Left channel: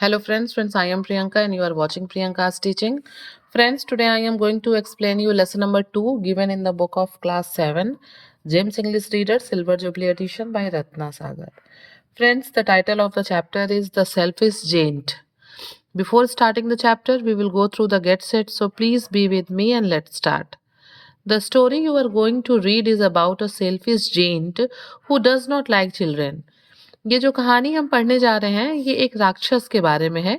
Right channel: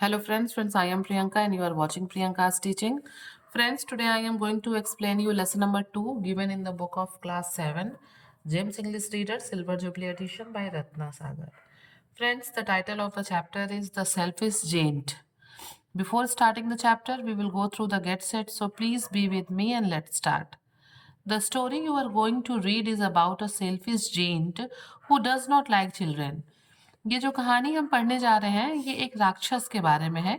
Hello friends, I am Priyanka and you are watching Priyanka's teaching. Friends, today I am going to explain you lesson number 2 given in the book of class 7, James English Reader Silver Jubilee edition by Ratna Sagar. Friends, the title of the chapter is The Selfish Giant. Before starting the chapter, we will go through the get set, so please be with me and let's start. The story you are going to read is about a selfish giant who does not like children. ये जो कहानी हम पढ़ने जा रहे हैं ये एक राक्षस के बारे में है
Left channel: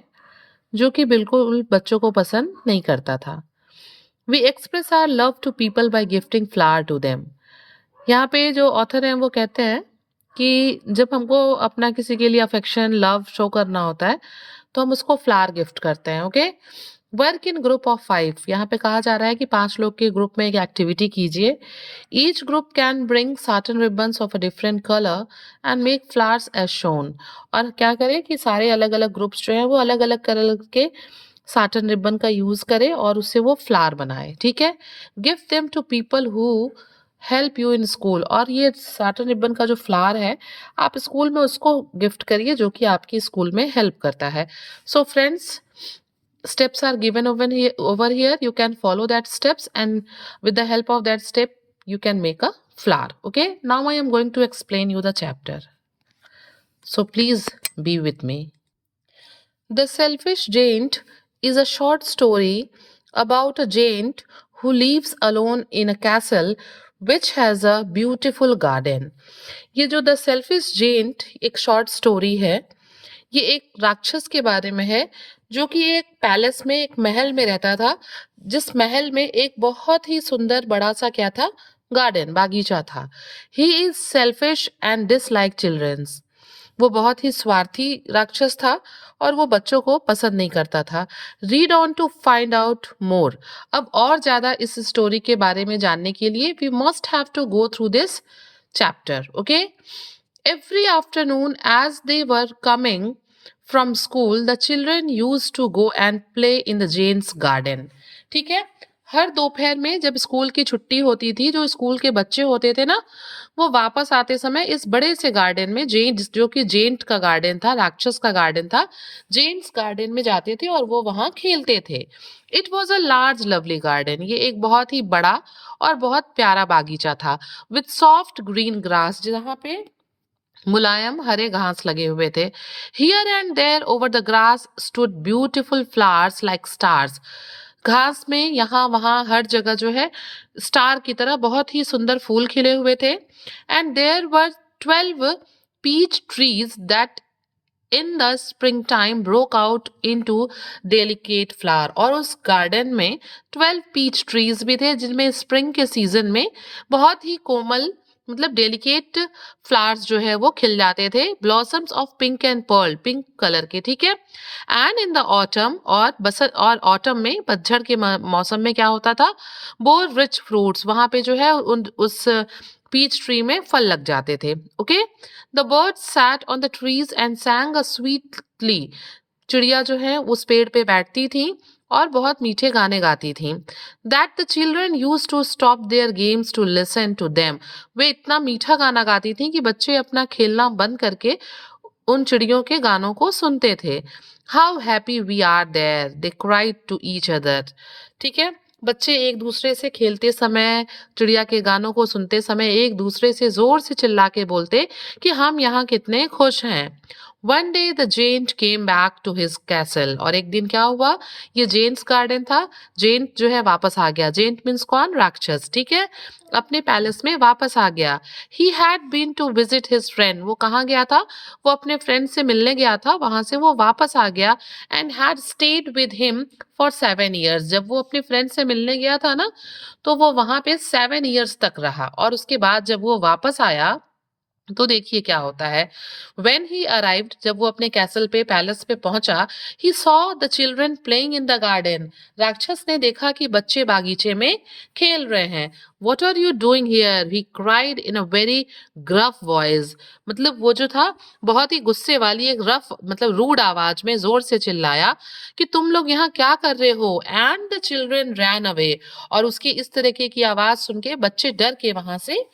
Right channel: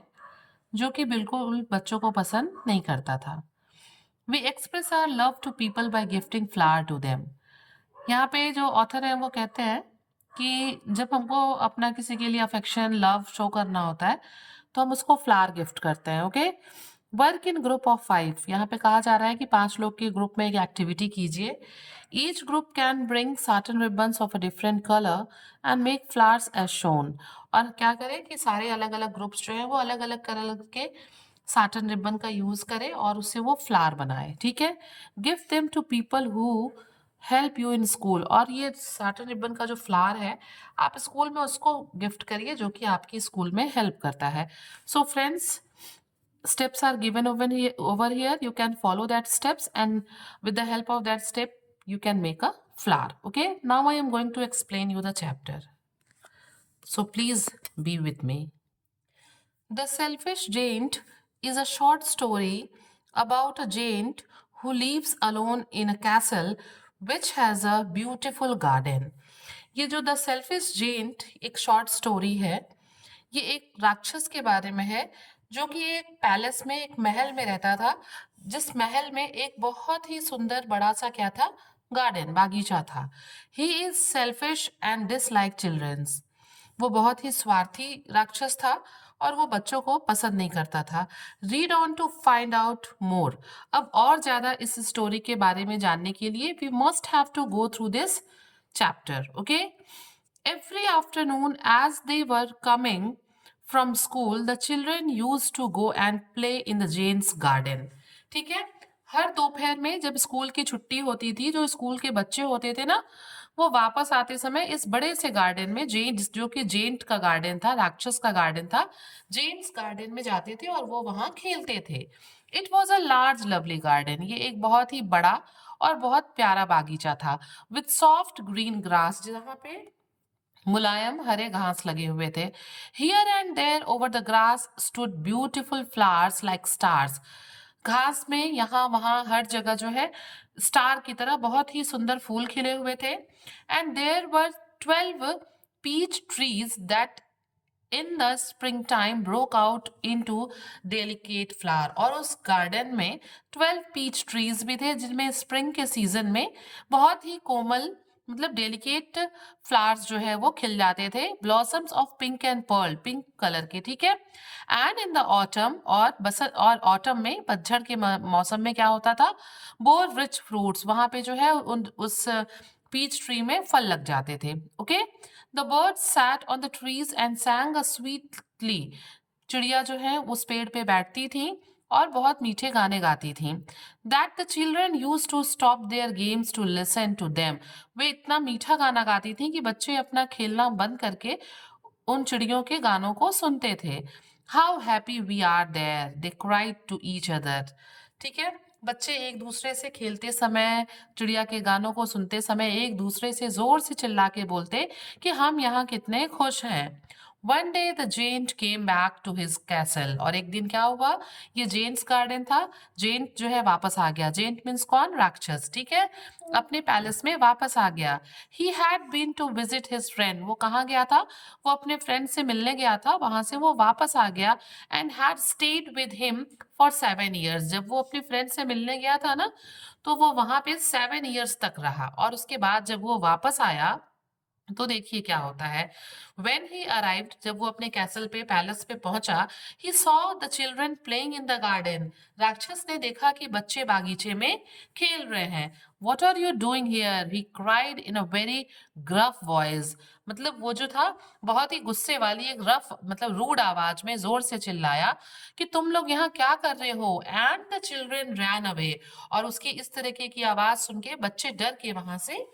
जो कि बिल्कुल बच्चों को पसंद नहीं करता था। We express our love to people by gifting flower to them. यहाँ पे जो ऑथर हैं वो कहते हैं कि जब हमको अपना किसी के लिए अफेक्शन लव शो करना होता है तो हम उसको फ्लावर गिफ्ट करते हैं। Okay, work in group of 5। यहाँ पे कहा जा रहा है कि 5 लोग के ग्रुप में एक एक्टिविटी कीजिए। Each group can bring certain ribbons of a different colour and make flowers as shown. और क्या करें कि सारे अलग अलग ग्रुप्स जो हैं वो अलग अलग कलर के साटन रिबन का यूज करें और उससे वो फ्लावर बनाए। ठीक है, gift them to people who help you in school. और ये साटन रिबन का जो फ्लावर है आप स्कूल में उसको गिफ्ट करिए जो कि आपकी स्कूल में हेल्प करता है। So friends, steps are given over here. You can follow that steps and with the help of that step you can make a flower. Okay, now I am going to explain you the chapter, so please be with me. The Selfish Giant is a short story about a giant who lives alone in a castle which has a beautiful garden. ये जो the selfish gent एक short story है, ये एक राक्षस के बारे में है जो कि एक पैलेस में एक महल में रहता था, जिस महल में एक बहुत ही सुंदर बड़ा सा क्या था, गार्डन बागीचा था। He is selfish and dislike childrens. वो बहुत ही स्वार्थी राक्षस था और वो बच्चों को पसंद नहीं करता था। Read on to find out more. अब और ज्यादा इस स्टोरी के बारे में जानने के लिए we must have to go through this chapter. Okay, every afternoon as they were coming from school the children used to go and play in the Jane's garden। ठीक है, हर दोपहर में जब स्कूल की छुट्टी होती थी, जो स्कूल के बच्चे होते थे ना, वो वापस आते समय इस बड़े से गार्डन में, जेन जो कि जेंट का गार्डन था, राक्षस का गार्डन था, जेन्स गार्डन में जाते थे और वो वहां खेलते थे। It was a large lovely garden. ये एक बहुत ही बड़ा और बहुत प्यारा बागीचा था। विथ सॉफ्ट ग्रीन ग्रास, जहाँ पे मुलायम हरे घास लगे हुए थे। Here and there over the grass stood beautiful flowers like stars. घास में यहाँ वहाँ हर जगह जो है स्टार की तरह बहुत ही सुंदर फूल खिले हुए थे। And there were 12 peach trees that in the spring time broke out into delicate flower. और उस गार्डन में 12 पीच ट्रीज भी थे जिनमें स्प्रिंग के सीजन में बहुत ही कोमल, मतलब डेलिकेट फ्लावर्स जो है वो खिल जाते थे। Blossoms of pink and pearl, pink colour के। ठीक है, एंड इन द ऑटम, और ऑटम में पतझड़ के मौसम में क्या होता था, बोर रिच फ्रूट्स, वहां पे जो है उस पीच ट्री में फल लग जाते थे। Okay, the birds sat on the trees and sang a sweetly. चिड़िया जो है उस पेड़ पे बैठती थी और बहुत मीठे गाने गाती थी। That the children used to stop their games to listen to them. वे इतना मीठा गाना गाती थी कि बच्चे अपना खेलना बंद करके उन चिड़ियों के गानों को सुनते थे। How happy we are there, they cried to each other. ठीक है, बच्चे एक दूसरे से खेलते समय, चिड़िया के गानों को सुनते समय एक दूसरे से जोर से चिल्ला के बोलते कि हम यहाँ कितने खुश हैं। One day the giant came back to his castle. और एक दिन क्या हुआ, ये जेंट्स गार्डन था, जेंट जो है वापस आ गया। जेंट मीन्स कौन, राक्षस। ठीक है, अपने पैलेस में वापस आ गया। He had been to visit his friend. वो कहाँ गया था, वो अपने फ्रेंड से मिलने गया था, वहां से वो वापस आ गया। And had stayed with him for 7 years। जब वो अपने फ्रेंड से मिलने गया था ना, तो वो वहां पे 7 years तक रहा। और उसके बाद जब वो वापस आया तो देखिए क्या होता है। वेन ही अराइव्ड, जब वो अपने कैसल पे, पैलेस पे पहुंचा, he saw the children playing in the garden. राक्षस ने देखा कि बच्चे बागीचे में खेल रहे हैं। What are you doing here, he cried in a very gruff voice. मतलब वो जो था बहुत ही गुस्से वाली एक रफ, मतलब रूड आवाज में जोर से चिल्लाया कि तुम लोग यहाँ क्या कर रहे हो। And the children ran away. और उसकी इस तरीके की आवाज सुन के बच्चे डर के वहां से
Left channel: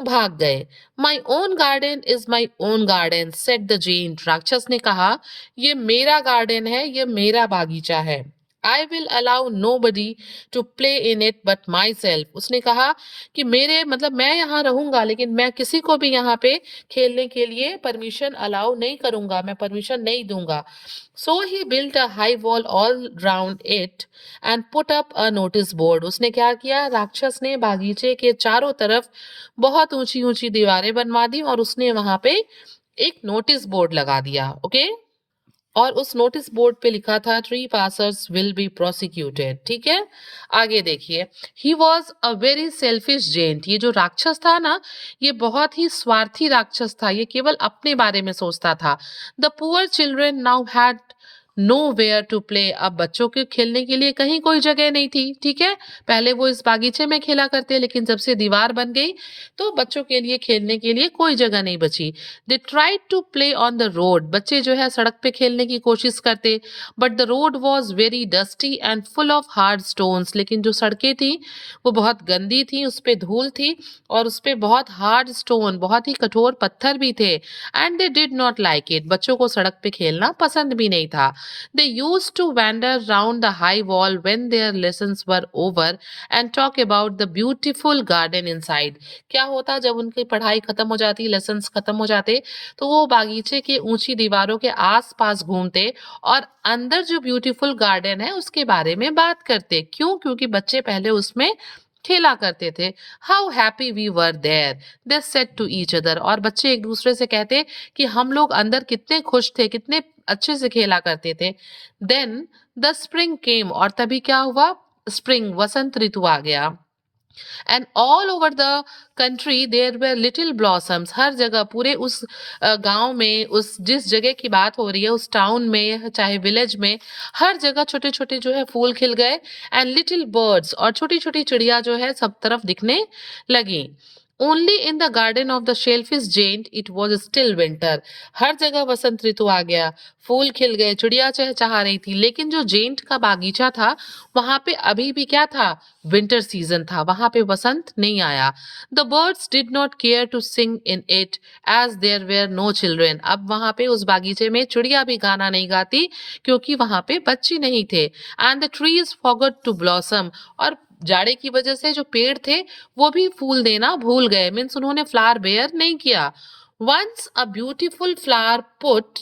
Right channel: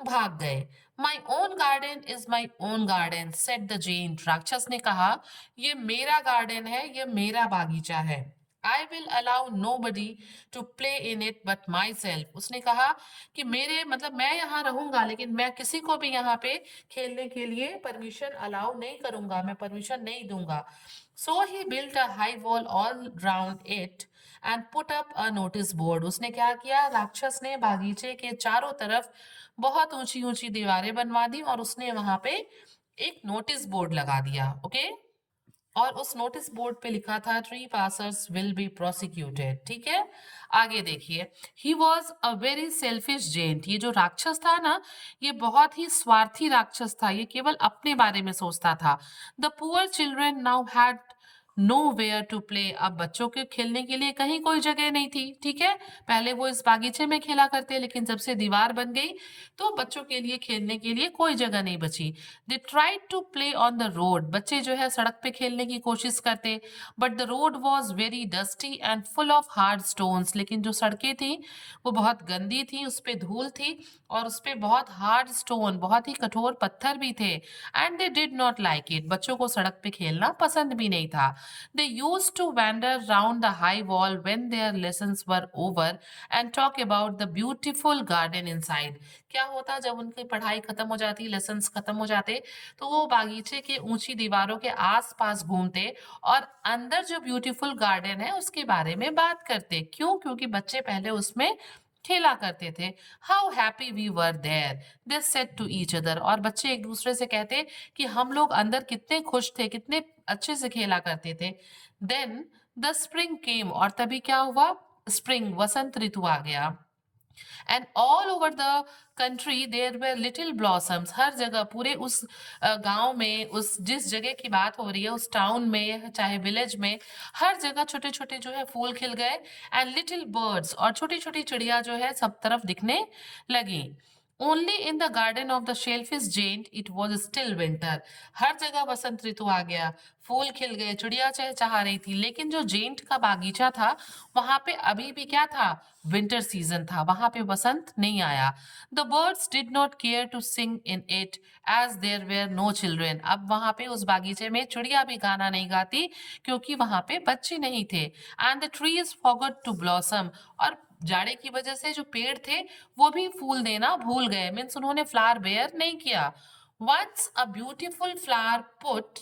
भाग गए। My own garden is my own garden said the giant. राक्षस ने कहा, ये मेरा गार्डन है, ये मेरा बागीचा है। I will allow nobody to play in it but myself. उसने कहा कि मेरे मतलब मैं यहाँ रहूंगा, लेकिन मैं किसी को भी यहाँ पे खेलने के लिए परमिशन अलाउ नहीं करूंगा, मैं परमिशन नहीं दूंगा। So he built a high wall all round it and put up a notice board. उसने क्या किया, राक्षस ने बागीचे के चारों तरफ बहुत ऊंची ऊंची दीवारें बनवा दी और उसने वहां पे एक नोटिस बोर्ड लगा दिया। ओके, और उस नोटिस बोर्ड पे लिखा था, trespassers will be prosecuted. ठीक है, आगे देखिए। He was a very selfish giant. ये जो राक्षस था ना, ये बहुत ही स्वार्थी राक्षस था, ये केवल अपने बारे में सोचता था। The poor children now had nowhere to play. अब बच्चों के खेलने के लिए कहीं कोई जगह नहीं थी। ठीक है, पहले वो इस बागीचे में खेला करते, लेकिन जब से दीवार बन गई तो बच्चों के लिए खेलने के लिए कोई जगह नहीं बची। They tried to play on the road. बच्चे जो है सड़क पे खेलने की कोशिश करते, but the road was very dusty and full of hard stones. लेकिन जो सड़कें थी वो बहुत गंदी थी, उस पे धूल थी और उस पे बहुत हार्ड स्टोन, बहुत ही कठोर पत्थर भी थे। And they did not like it. बच्चों को सड़क पे खेलना पसंद भी नहीं था। They used to wander round the high wall when their lessons were over and talk about the beautiful garden inside. क्या होता, जब उनकी पढ़ाई खत्म हो जाती, लेसन्स खत्म हो जाते, तो वो बागीचे की ऊंची दीवारों के आसपास घूमते और अंदर जो ब्यूटीफुल गार्डन है उसके बारे में बात करते। क्यों? क्योंकि बच्चे पहले उसमें खेला करते थे। How happy we were there, they said to each other. और बच्चे एक दूसरे से कहते कि हम लोग अंदर कितने खुश थे, कितने अच्छे से खेला करते थे। Then the spring came. और तभी क्या हुआ, स्प्रिंग वसंत ऋतु आ गया। And all over the country there were little blossoms. हर जगह, पूरे उस गांव में, उस जिस जगह की बात हो रही है, उस टाउन में चाहे विलेज में, हर जगह छोटे छोटे जो है फूल खिल गए। एंड लिटिल बर्ड्स, और छोटी छोटी चिड़िया जो है सब तरफ दिखने लगी। Only in the garden of the selfish giant it was still winter. हर जगह वसंत ऋतु आ गया, फूल खिल गए, चिड़िया चहचहा रही थी, लेकिन जो जेंट का बागीचा था वहां पे अभी भी क्या था, विंटर सीजन था, वहां पे वसंत नहीं आया। The birds did not care to sing in it as there were no children. अब वहां पे उस बागीचे में चिड़िया भी गाना नहीं गाती, क्योंकि वहां पे बच्चे नहीं थे। And the trees forgot to blossom. और जाड़े की वजह से जो पेड़ थे वो भी फूल देना भूल गए, मीन्स उन्होंने फ्लावर बेयर नहीं किया। Once a beautiful flower put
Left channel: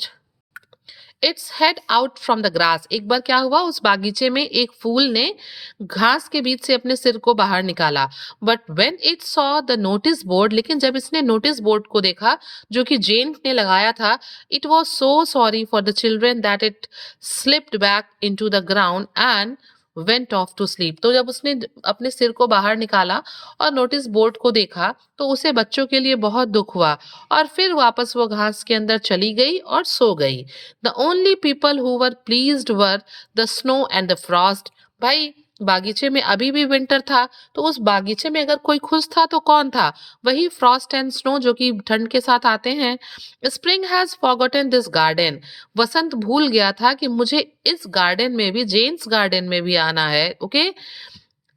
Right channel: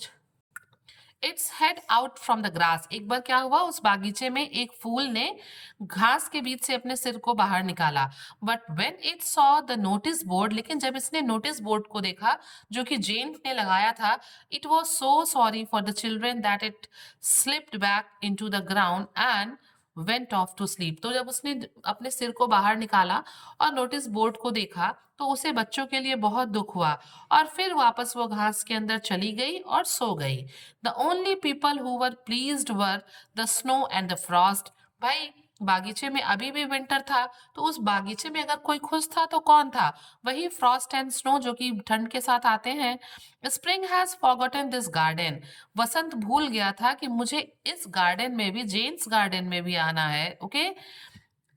its head out from the grass. एक बार क्या हुआ, उस बागीचे में एक फूल ने घास के बीच से अपने सिर को बाहर निकाला। But when it saw the notice board, लेकिन जब इसने नोटिस बोर्ड को देखा जो कि जेन ने लगाया था, it was so sorry for the children that it slipped back into the ground and went off to sleep. तो जब उसने अपने सिर को बाहर निकाला और नोटिस बोर्ड को देखा, तो उसे बच्चों के लिए बहुत दुख हुआ और फिर वापस वो घास के अंदर चली गई और सो गई। The only people who were pleased were the snow and the Frost. भाई, बागीचे में अभी भी विंटर था, तो उस बागीचे में अगर कोई खुश था तो कौन था? वही फ्रॉस्ट एंड स्नो, जो कि ठंड के साथ आते हैं। Spring has forgotten this garden. वसंत भूल गया था कि मुझे इस गार्डन में भी, जेन्स गार्डन में भी आना है। Okay,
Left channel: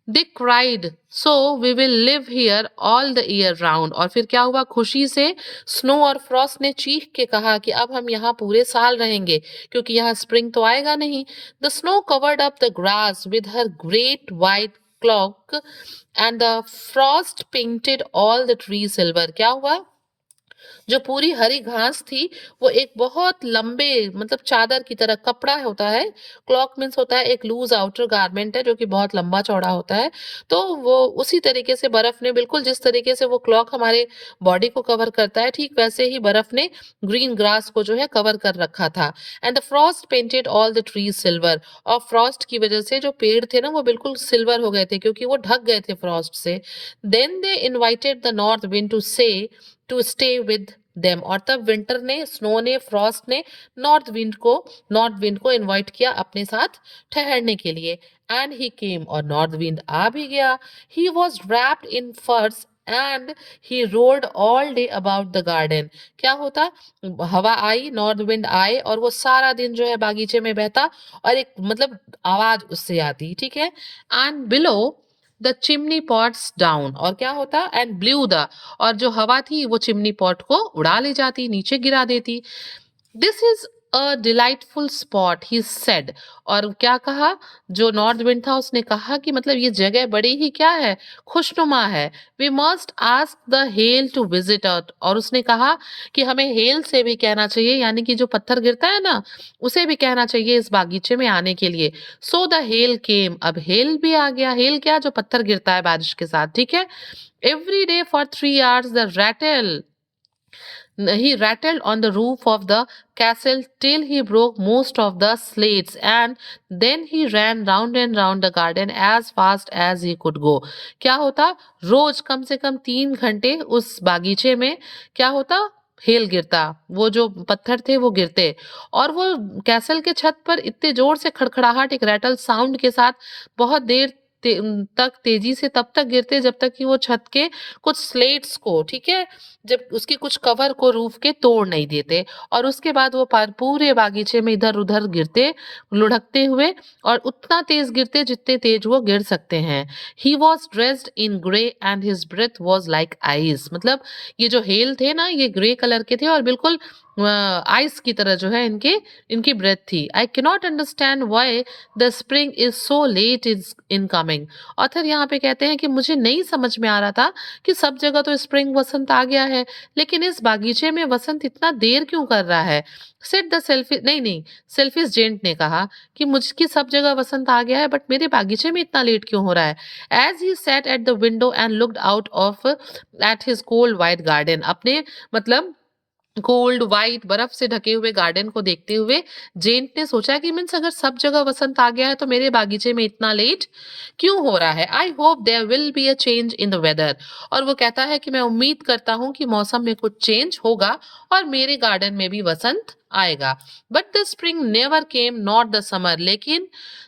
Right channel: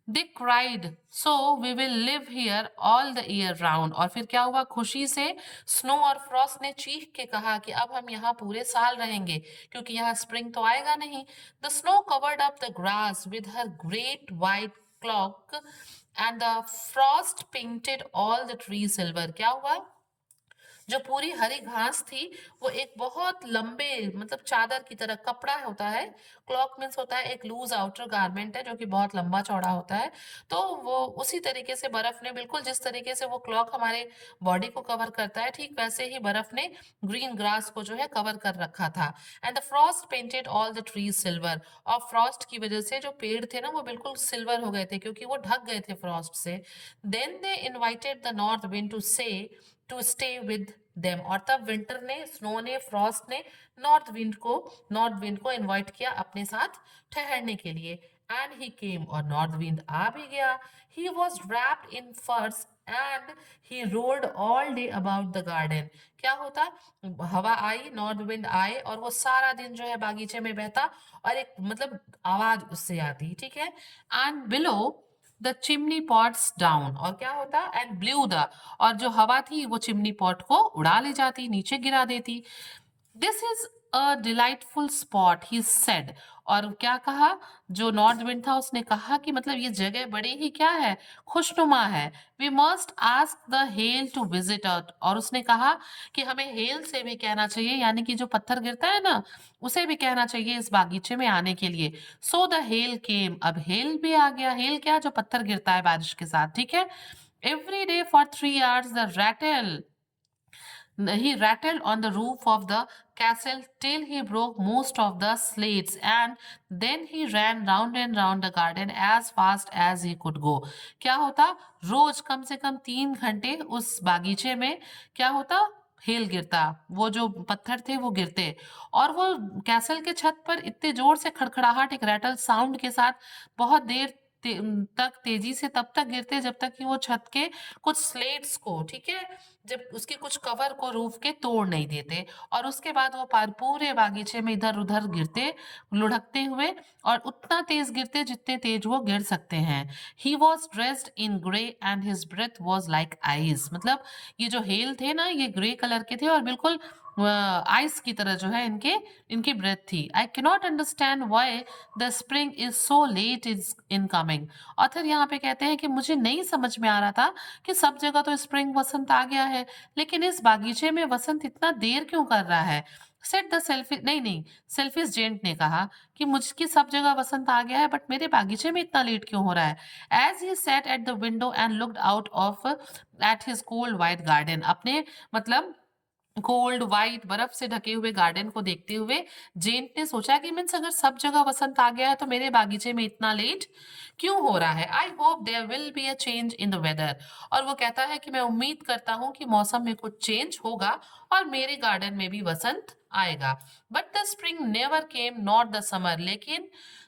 they cried, so we will live here all the year round. और फिर क्या हुआ, खुशी से स्नो और फ्रॉस्ट ने चीख के कहा कि अब हम यहाँ पूरे साल रहेंगे, क्योंकि यहाँ स्प्रिंग तो आएगा नहीं। The snow covered up the grass with her great white clock and the Frost painted all the tree silver. क्या हुआ, जो पूरी हरी घास थी वो एक बहुत लंबे, मतलब चादर की तरह, कपड़ा होता है, क्लॉक मीन्स होता है एक लूज आउटर गारमेंट है जो कि बहुत लंबा चौड़ा होता है। तो वो उसी तरीके से बर्फ ने, बिल्कुल जिस तरीके से वो क्लॉक हमारे बॉडी को कवर करता है, ठीक वैसे ही बर्फ ने ग्रीन ग्रास को जो है कवर कर रखा था। And the Frost painted all the trees silver. और फ्रॉस्ट की वजह से जो पेड़ थे ना वो बिल्कुल सिल्वर हो गए थे, क्योंकि वो ढक गए थे फ्रॉस्ट से। Then they invited the north wind to stay with them. और तब विंटर ने, स्नो ने, फ्रॉस्ट ने नॉर्थ विंड को इनवाइट किया अपने साथ ठहरने के लिए। एंड ही केम, और नॉर्थ विंड आ भी गया। ही वॉज wrapped इन फर्स and he road all day about the garden. क्या होता, हवा आई, नॉर्थ विंड आए और वो सारा दिन जो है बागीचे में बहता और एक मतलब आवाज उससे आती, ठीक है। And below the chimney pots down, और क्या होता, एंड ब्लू द, और जो हवा थी वो चिमनी पॉट को उड़ा ले जाती, नीचे गिरा देती। This is a delightful spot he said, और क्या कहा, जो नॉर्थ विंड था उसने कहा कि मतलब ये जगह बड़ी ही क्या है, खुशनुमा है। We must ask the hail to visit us, और उसने कहा कि हमें हेल से भी कहना चाहिए, यानी कि जो पत्थर गिरता है ना, उसे भी कहना चाहिए इस बागीचे में आने के लिए। सो द हेल केम, अब हेल भी आ गया। हेल क्या, जो पत्थर गिरता है बारिश के साथ, ठीक है। Every day for 3 hours the rattle, he rattled on the roof of the castle till he broke most of the slates, and then he ran round and round the garden as fast as he could go. क्या होता, रोज कम से कम 3 घंटे उस बागीचे में क्या होता, hello गिरता, वो जो पत्थर थे वो गिरते, और वो कैसल के छत पर इतने जोर से खड़खड़ाहट, एक रैटल साउंड के साथ बहुत देर तक तेजी से तब तक गिरते जब तक कि वो छत के कुछ स्लेट्स को, ठीक है, जब उसके कुछ कवर को रूफ के तोड़ नहीं देते, और उसके बाद वो पूरे बागीचे में इधर उधर गिरते, लुढ़कते हुए, और उतना तेज गिरते जितने तेज वो गिर सकते हैं। He was dressed in grey and his breath was like ice, मतलब ये जो हेल थे ना, ये ग्रे कलर के थे और बिल्कुल आइस की तरह जो है इनके इनकी ब्रेथ थी। I cannot understand why the spring is so let is in coming. Author यहाँ पे कहते हैं कि मुझे नहीं समझ में आ रहा था कि सब जगह तो स्प्रिंग वसंत आ गया है, लेकिन इस बागीचे में वसंत इतना देर क्यों कर रहा है। सेट द सेल्फी, नहीं नहीं, सेल्फिश जेंट ने कहा कि मुझकी सब जगह वसंत आ गया है, बट मेरे बागीचे में इतना लेट क्यों हो रहा है। As he set at the window and looked out of at his cold white garden, अपने मतलब कोल्ड वाइट बर्फ से ढके हुए गार्डन को देखते हुए जेंट ने सोचा कि मीन्स अगर सब जगह वसंत आ गया है तो मेरे बागीचे में इतना लेट क्यों हो रहा है। I hope there will be a change in the weather, और वो कहता है कि मैं उम्मीद करता हूँ कि मौसम में कुछ चेंज होगा और मेरे गार्डन में भी वसंत आएगा। But the spring never came not the summer, लेकिन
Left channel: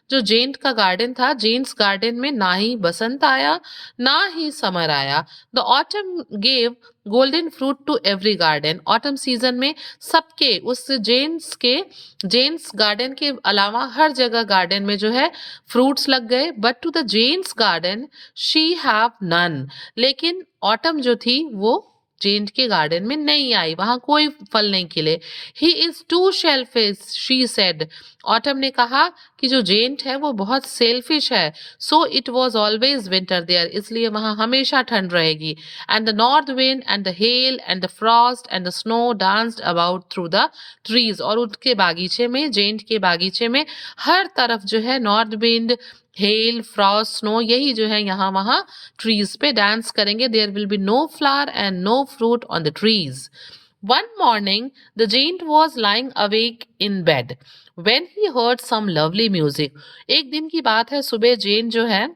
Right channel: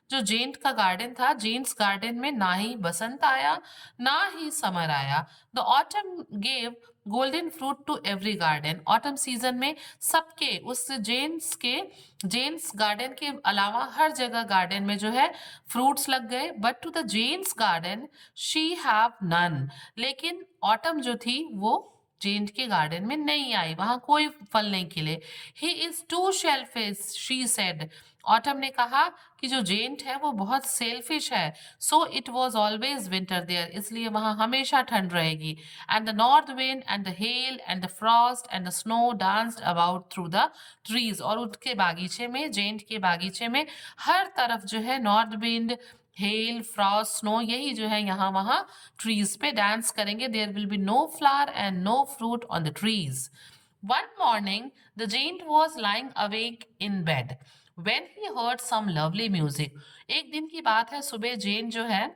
जो जेंट का गार्डन था, जेंट्स गार्डन में ना ही बसंत आया ना ही समर आया। The autumn gave golden fruit to every garden, autumn season में सबके उस जेन्स गार्डन के अलावा हर जगह गार्डन में जो है फ्रूट्स लग गए। But to the giant's garden she have none, लेकिन ऑटम जो थी वो जेंट के गार्डन में नहीं आई, वहां कोई फल नहीं खिले। He is too selfish she said, autumn ने कहा कि जो जेंट है वो बहुत सेल्फिश है। So it was always winter there, इसलिए वहां हमेशा ठंड रहेगी। And the north wind and the hail and the frost and the snow danced about through the trees, और उनके बागीचे में, जेंट के बागीचे में हर तरफ जो है north wind, hail, frost, snow, यही जो है यहाँ वहाँ ट्रीज पे डांस करेंगे। There will be no flower and no fruit on the trees. One morning the giant was lying awake in bed when he heard some lovely music, एक दिन की बात है, सुबह जेन जो है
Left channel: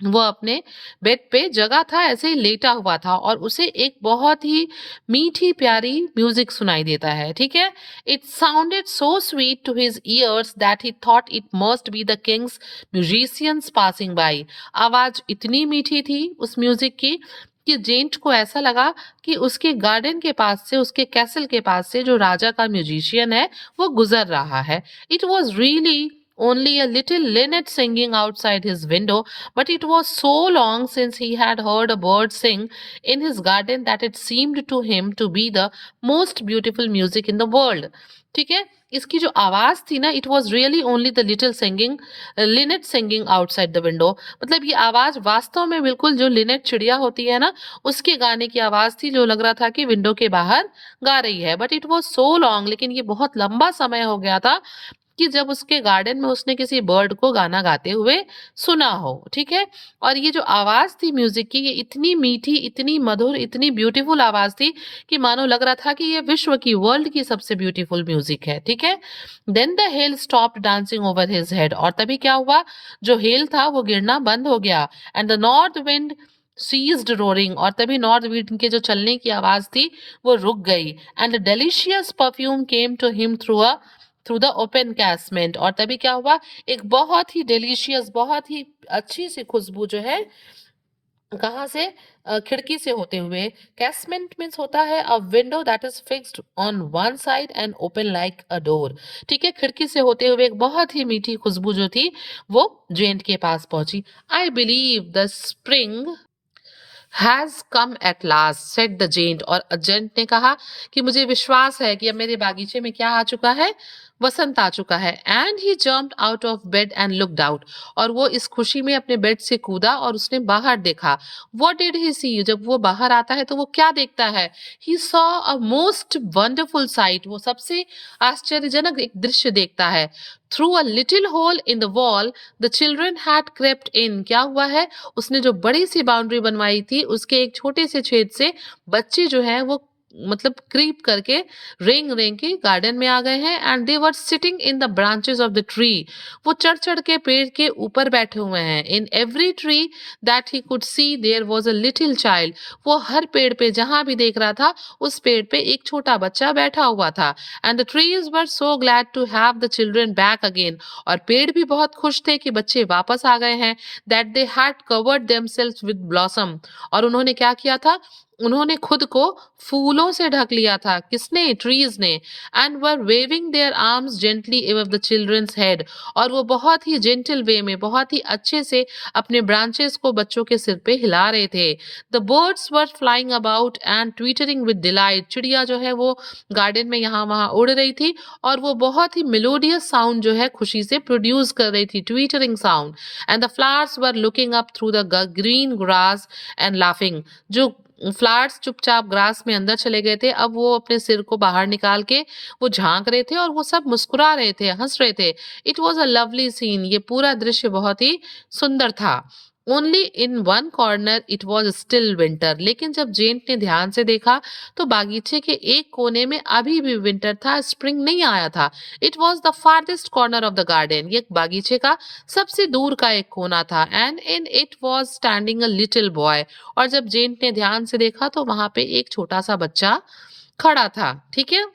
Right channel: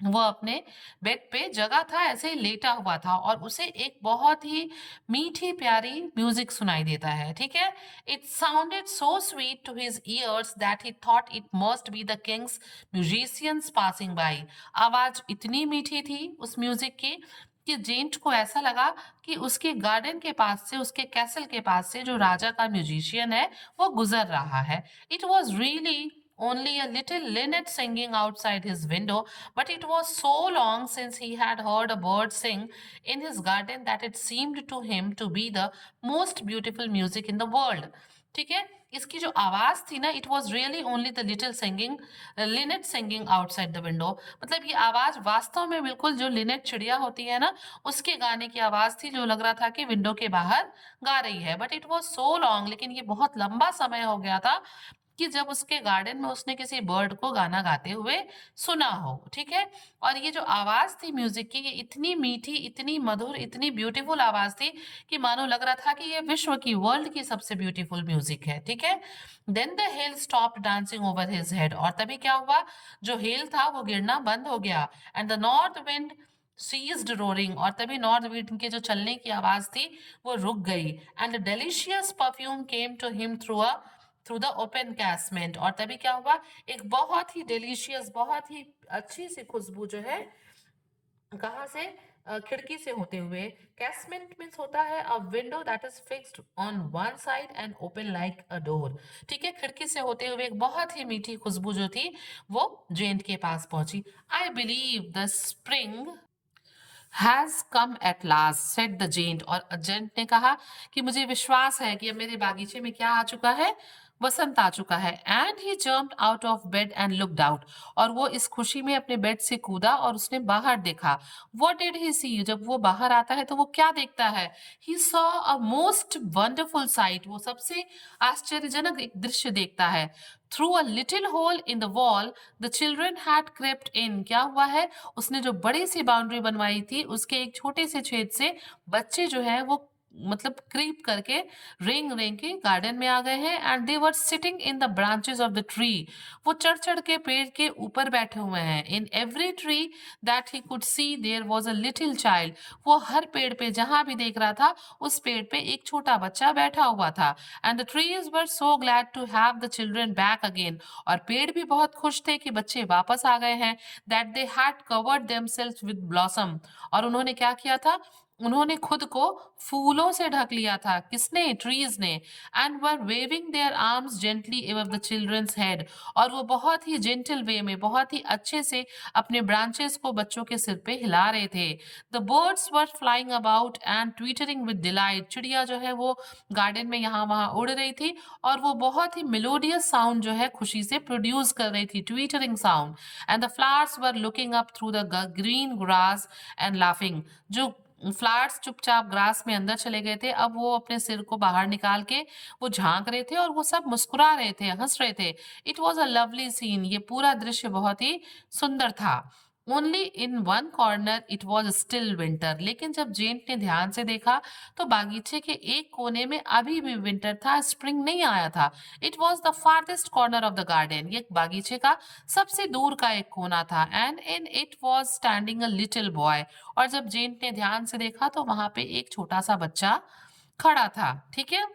वो अपने बेड पे जगह था, ऐसे ही लेटा हुआ था, और उसे एक बहुत ही मीठी प्यारी म्यूजिक सुनाई देता है, ठीक है। It sounded so sweet to his ears that he thought it must be the king's musicians passing by. आवाज इतनी मीठी थी उस म्यूजिक की कि जेंट को ऐसा लगा कि उसके गार्डन के पास से, उसके कैसल के पास से जो राजा का म्यूजिशियन है वो गुजर रहा है। It was really only a little linnet singing outside his window, but it was so long since he had heard a bird sing in his garden that it seemed to him to be the most beautiful music in the world. ठीक है, इसकी जो आवाज थी ना, it was really only the little singing, Lynette singing outside the window, मतलब ये आवाज वास्तव में बिल्कुल जो लिनेट चिड़िया होती है ना, उसके गाने की आवाज थी, जो लग रहा था कि विंडो के बाहर गा रही है। But it was so long, लेकिन ये बहुत लंबा समय हो गया था कि जब उसके गार्डन में उसने किसी बर्ड को गाना गाते हुए सुना हो, ठीक है। और ये जो आवाज थी म्यूजिक की, ये इतनी मीठी, इतनी मधुर, इतनी ब्यूटीफुल आवाज थी कि मानो लग रहा था कि ये विश्व की, वर्ल्ड की सबसे ब्यूटीफुल म्यूजिक है, ठीक है। Then the hail stop dancing over his head, और तभी क्या हुआ, जो हेल था वो गिरना बंद हो गया। And the north wind ceased roaring, और तभी नॉर्थ विंड के जो चलने की आवाज थी वो रुक गई। And delicious perfume came to him through the open casement, और तभी क्या हुआ, एक बहुत ही डिलीशियस, बहुत ही अच्छी सी खुशबू जो है कहाँ से? खिड़की से होते हुए। कैसमेंट मीन्स होता है अ window that is fixed on one side and open like a door. ठीक है, खिड़की से होते हुए एक बहुत ही मीठी खुशबू जो थी वो जेंट के पास पहुंची। I believe the spring has come at last said the giant. और एजेंट ने कहा कि मुझे विश्वास है कि अब मेरे बागीचे में क्या आ चुका है? वसंत आ चुका है। And he jumped out of bed and looked out. और वो इस खुशी में अपने बेड से कूदा और उसने बाहर देखा। व्हाट डिड ही सी? जब वो बाहर आता है तो वो क्या देखता है? He saw a most wonderful sight. वो सबसे आश्चर्यजनक एक दृश्य देखता है। Through a little hole in the wall the children had crept in. क्या हुआ है? उसने जो बड़ी सी बाउंड्री बनवाई थी उसके एक छोटे से छेद से बच्चे जो है वो मतलब क्रीप करके रेंग रेंग के गार्डन में आ गए हैं। And they were sitting in the branches of the tree. वो चढ़ चढ़ के पेड़ के ऊपर बैठे हुए हैं। In every tree that he could see there was a little child. वो हर पेड़ पे जहां भी देख रहा था उस पेड़ पे एक छोटा बच्चा बैठा हुआ था। And the trees were so glad to have the children back again. और पेड़ भी बहुत खुश थे कि बच्चे वापस आ गए हैं। That they had covered themselves with blossom. और उन्होंने क्या किया था? उन्होंने खुद को फूलों से ढक लिया था। किसने? ट्रीज ने। And were waving their arms gently above the children's head. और वो बहुत ही जेंटल वे में बहुत ही अच्छे से अपने ब्रांचेस को बच्चों के सिर पे हिला रहे थे। The birds were flying about and twittering with delight. चिड़िया जो है वो गार्डन में यहाँ वहां उड़ रही थी और वो बहुत ही मेलोडियस साउंड जो है खुशी से प्रोड्यूस कर रही थी, twittering sound. And the flowers were looking up through the green grass and laughing. जो फ्लावर्स चुपचाप ग्रास में अंदर चले गए थे, अब वो अपने सिर को बाहर निकाल के वो झांक रहे थे और वो सब मुस्कुरा रहे थे, हंस रहे थे। It was a lovely scene. ये पूरा दृश्य बहुत ही सुंदर था। Only in one corner it was still winter. लेकिन जब जेंट ने ध्यान से देखा तो बागीचे के एक कोने में अभी भी विंटर था, स्प्रिंग नहीं आया था। It was the farthest corner of the garden. ये बागीचे का सबसे दूर का एक कोना था। And in it was standing a little boy. और जब जेंट ने ध्यान से देखा तो वहां पे एक छोटा सा बच्चा खड़ा था। ठीक है,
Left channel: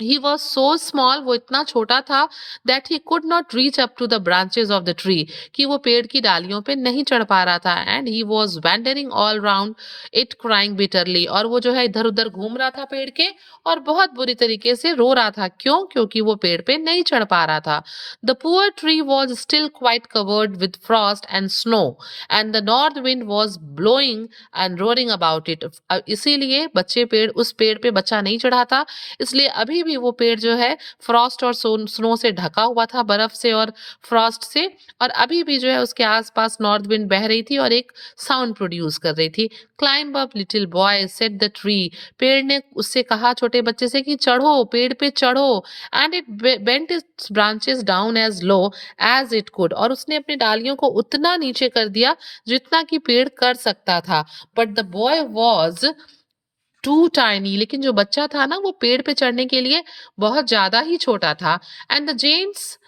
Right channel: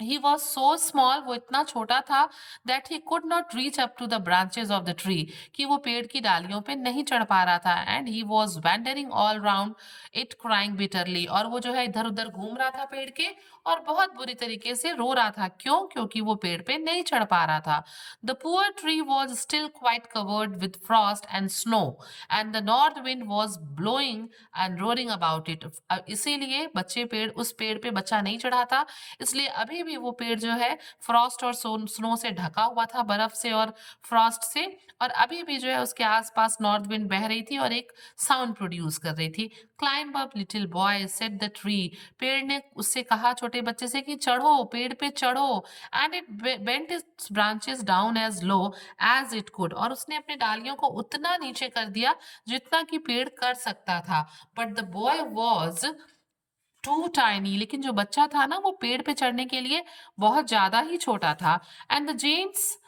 he was so small, वो इतना छोटा था that he could not reach up to the branches of the tree, कि वो पेड़ की डालियों पे नहीं चढ़ पा रहा था। and he was wandering all round it crying bitterly। और वो जो है इधर उधर घूम रहा था पेड़ के और बहुत बुरी तरीके से रो रहा था। क्यों? क्योंकि वो पेड़ पे नहीं चढ़ पा रहा था। the poor tree was still quite covered with frost and snow and the north wind was blowing and roaring about it। इसीलिए बच्चे पेड़ उस पेड़ पे बच्चा नहीं चढ़ा था, इसलिए अभी भी वो पेड़ जो है फ्रॉस्ट और स्नो से ढका हुआ था, बर्फ से और फ्रॉस्ट से। और अभी भी जो है उसके आसपास नॉर्थ विंड बह रही थी और एक साउंड प्रोड्यूस कर रही थी। Climb up little boy said the tree. पेड़ ने उससे कहा, छोटे बच्चे से, कि चढ़ो, पेड़ पे चढ़ो। And it bent its branches down as low as it could. और उसने अपनी डालियों को उतना नीचे कर दिया जितना कि पेड़ कर सकता था। But the boy was too tiny. लेकिन जो बच्चा था ना वो पेड़ पे चढ़ने के लिए बहुत ज्यादा ही छोटा था। And the giant's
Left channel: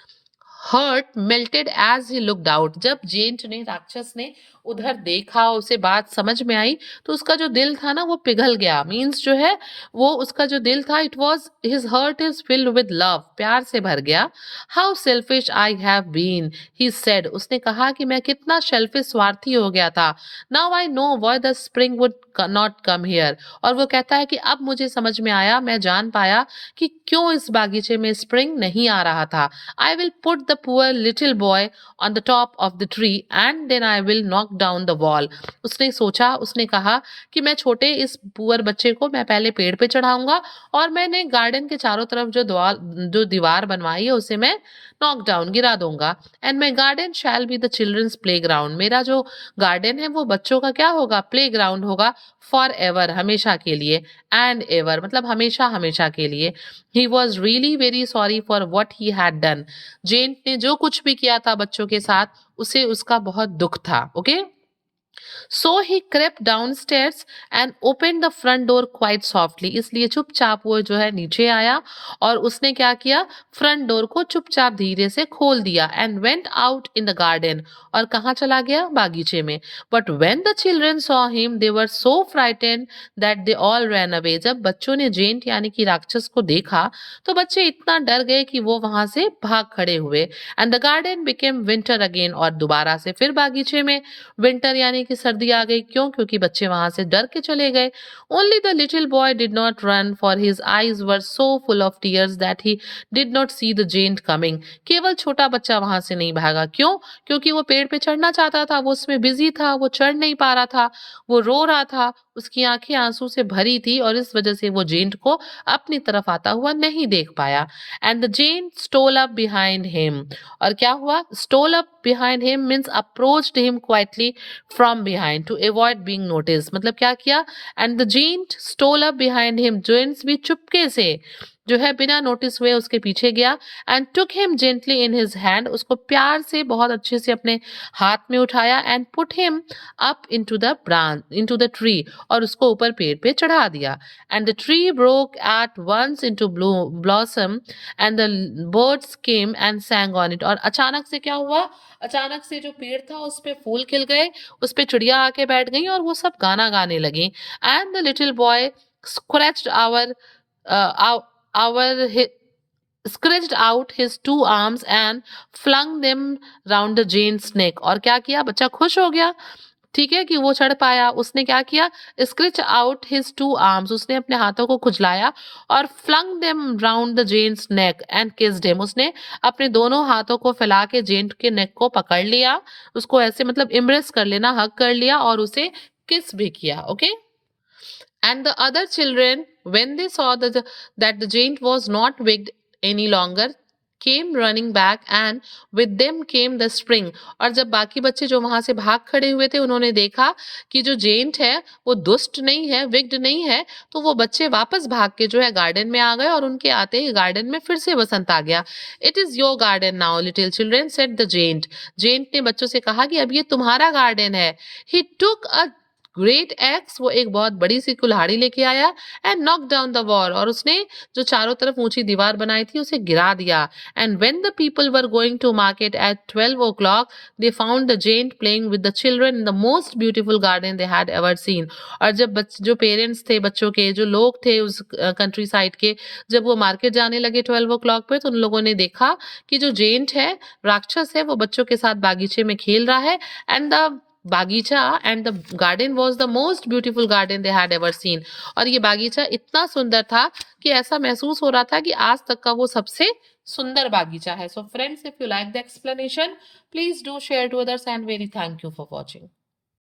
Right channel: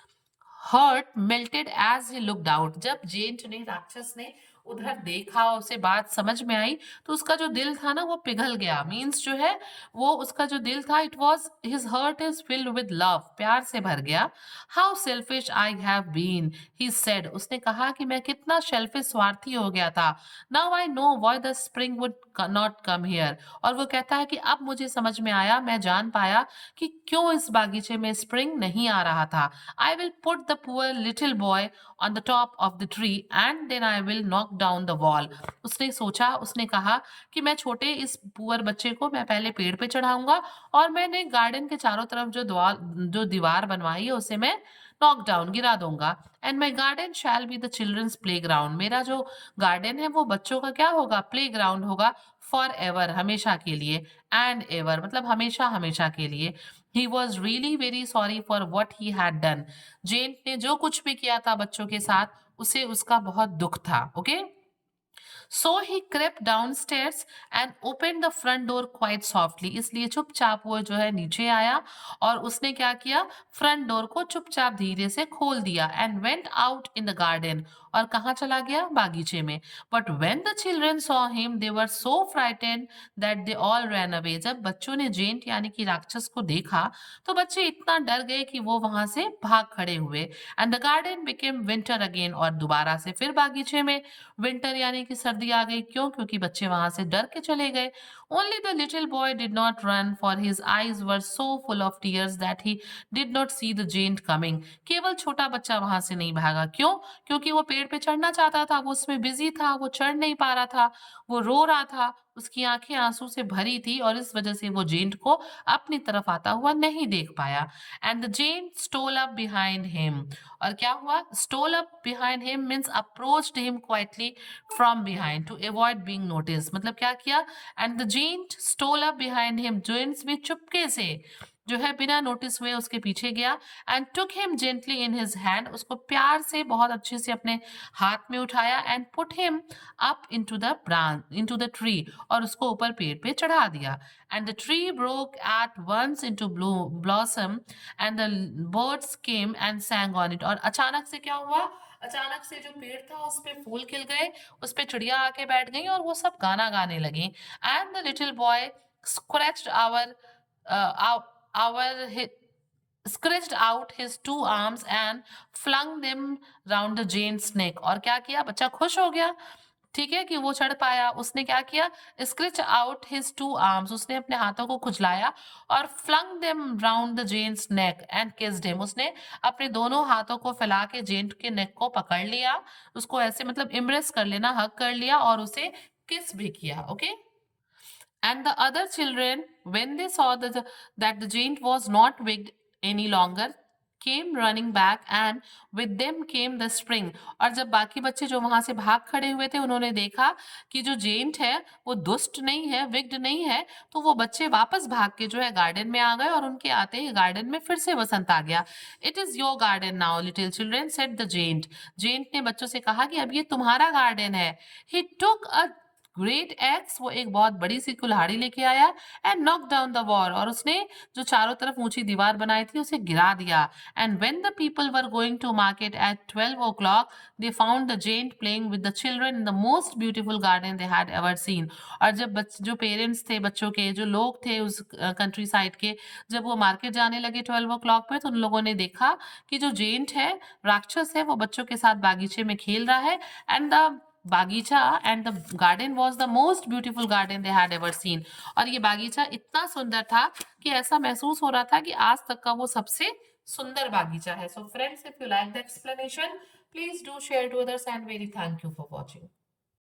heart melted as he looked out. जब जेंट ने, राक्षस ने उधर देखा, उसे बात समझ में आई, तो उसका जो दिल था ना वो पिघल गया। मीन्स जो है वो उसका जो दिल था, it was his heart is filled with love, प्यार से भर गया। How selfish I have been, he said. उसने कहा कि मैं कितना सेल्फिश, स्वार्थी हो गया था। Now I know why the spring would not come here. और वो कहता है कि अब मुझे समझ में आया, मैं जान पाया कि क्यों इस बागीचे में स्प्रिंग नहीं आ रहा था। I will put the poor little boy on the top of the tree and then I will knock down the wall। उसने सोचा, उसने कहा कि मैं छोटे इस पुअर बच्चे को मैं पहले पेड़ पे चढ़ाऊंगा और मैंने गार्डन के चारों तरफ जो दीवार बनवाई है उसे मैं नॉक डाउन, गिरा दूंगा। And my garden shall be the children's playground. मेरा जो गार्डन है वो बच्चों का क्या होगा? प्ले ग्राउंड होगा। फॉर एवर, हमेशा के लिए। एंड एवर मतलब हमेशा हमेशा के लिए। He was really very sorry for what he had done. Giant ने जो कुछ भी किया था बच्चों के साथ उसे उसका बहुत दुख था। Okay, so he crepe down stairs and open the front door quite softly. इसलिए चुपचाप वो जो है नीचे आया और उसने क्या किया? फ्रंट डोर को चुपचाप धीरे से खोल दिया। And went out in the garden. और कहाँ चला गया? बागीचे में। But when the children saw him they were so frightened that they all ran away. जब बच्चों ने जेंट यानी कि राक्षस को देखा तो बच्चे इतना डर गए कि वो वहां से भाग खड़े हुए। And the garden became winter again. और दोबारा से फिर बागीचे में विंटर यानी नहीं कि सर्दी आ गई। क्यों? क्योंकि बच्चे वहां से डर के चले गए। Only the little boy did not run, for his eyes were so full of tears that he did not see the giant coming. केवल छोटा बच्चा वहां से नहीं भागा। क्यों? क्योंकि वो पेड़ पे चढ़ना चाहता था, वो उसमें बिजी था, वो चढ़ नहीं पा रहा था, वो रो रहा था, उसकी आंखें आंसू से भरी थी और इस वजह से वो जेंट को अपनी तरफ आता हुआ नहीं देख पाया। And the giant stole up behind him. और क्या हुआ? Stole up behind him means approached him quietly from behind to avoid being notice. मतलब क्या किया? And the giant stole up behind him, giants भी चुपके से जो है बिना नोटिस हुए उसके पीछे गया। And took him gently in his hand, उसको प्यार से बहुत अच्छे से अपने हाथ में उठाया। And put him up into the branch, into the tree, और उसको ऊपर पेड़ पे चढ़ा दिया। And the tree broke at once into blossom and the birds came and sang on it. और अचानक से क्या हुआ? अचानक से जो पेड़ था उस पे फूल खिल गए, उस पे चिड़िया आके बैठ गई और वो सब गाना गाने लगी। And the little boy scratched our stretched out his two arms and flung them round the Jane's neck। और क्या किया? बच्चा खुश हो गया, ठीक है, कि वो चढ़ पाया। उसने क्या किया? Scratch out his two arms, उसने अपने हाथों को खुजलाया और flung them round the giant's neck and kissed him. उसने अपने दोनों हाथों को फैला के जेंट के नेक को पकड़ लिया, उसको ऐसे मतलब इम्प्रेस कर लेना, हग कर लिया और उसे किस भी किया। Okay. And the other children, when they saw that the giant was not wicked any longer, came running back, and with them came the spring। और जब बाकी बच्चे जो वहां से भाग खड़े हुए थे उन्होंने देखा कि जो जेंट है वो दुष्ट नहीं है, विग्ड नहीं है, तो वो बच्चे वापस भाग के जो है गार्डन में आ गए और उनके आते ही गार्डन में फिर से बसंत आ गया। It is your garden now little children, said the giant. Giant ने बच्चों से कहा कि अब ये तुम्हारा गार्डन है। ही टुक अ ग्रेट एक्स, वो एक बहुत बड़ी सी कुल्हाड़ी लेके आया। And knock down the wall, और उसने जो चारों तरफ ऊंची दीवार बनाई थी उसे गिरा दिया। And when the people were going to market at 12 o'clock, they found the giant playing with the children in the most beautiful garden they had ever seen. और जब जो पेरेंट्स थे बच्चों के, जो लोग थे उस कंट्री साइड के, जब वो मार्केट जाने लगे 12 o'clock पे, तो उन लोगों ने देखा कि जो जेंट है, राक्षस है, वो बच्चों के साथ बागीचे में खेल रहा है। एंड द बागीचा and the garden was the most beautiful garden they had ever seen. और ये बागीचा इतना सुंदर था कि ऐसा महसूस हो रहा था कि आज तक का वो सबसे सुंदर बागीचा है। So friends, if you like the explanation, please do share to others and very thank you for watching.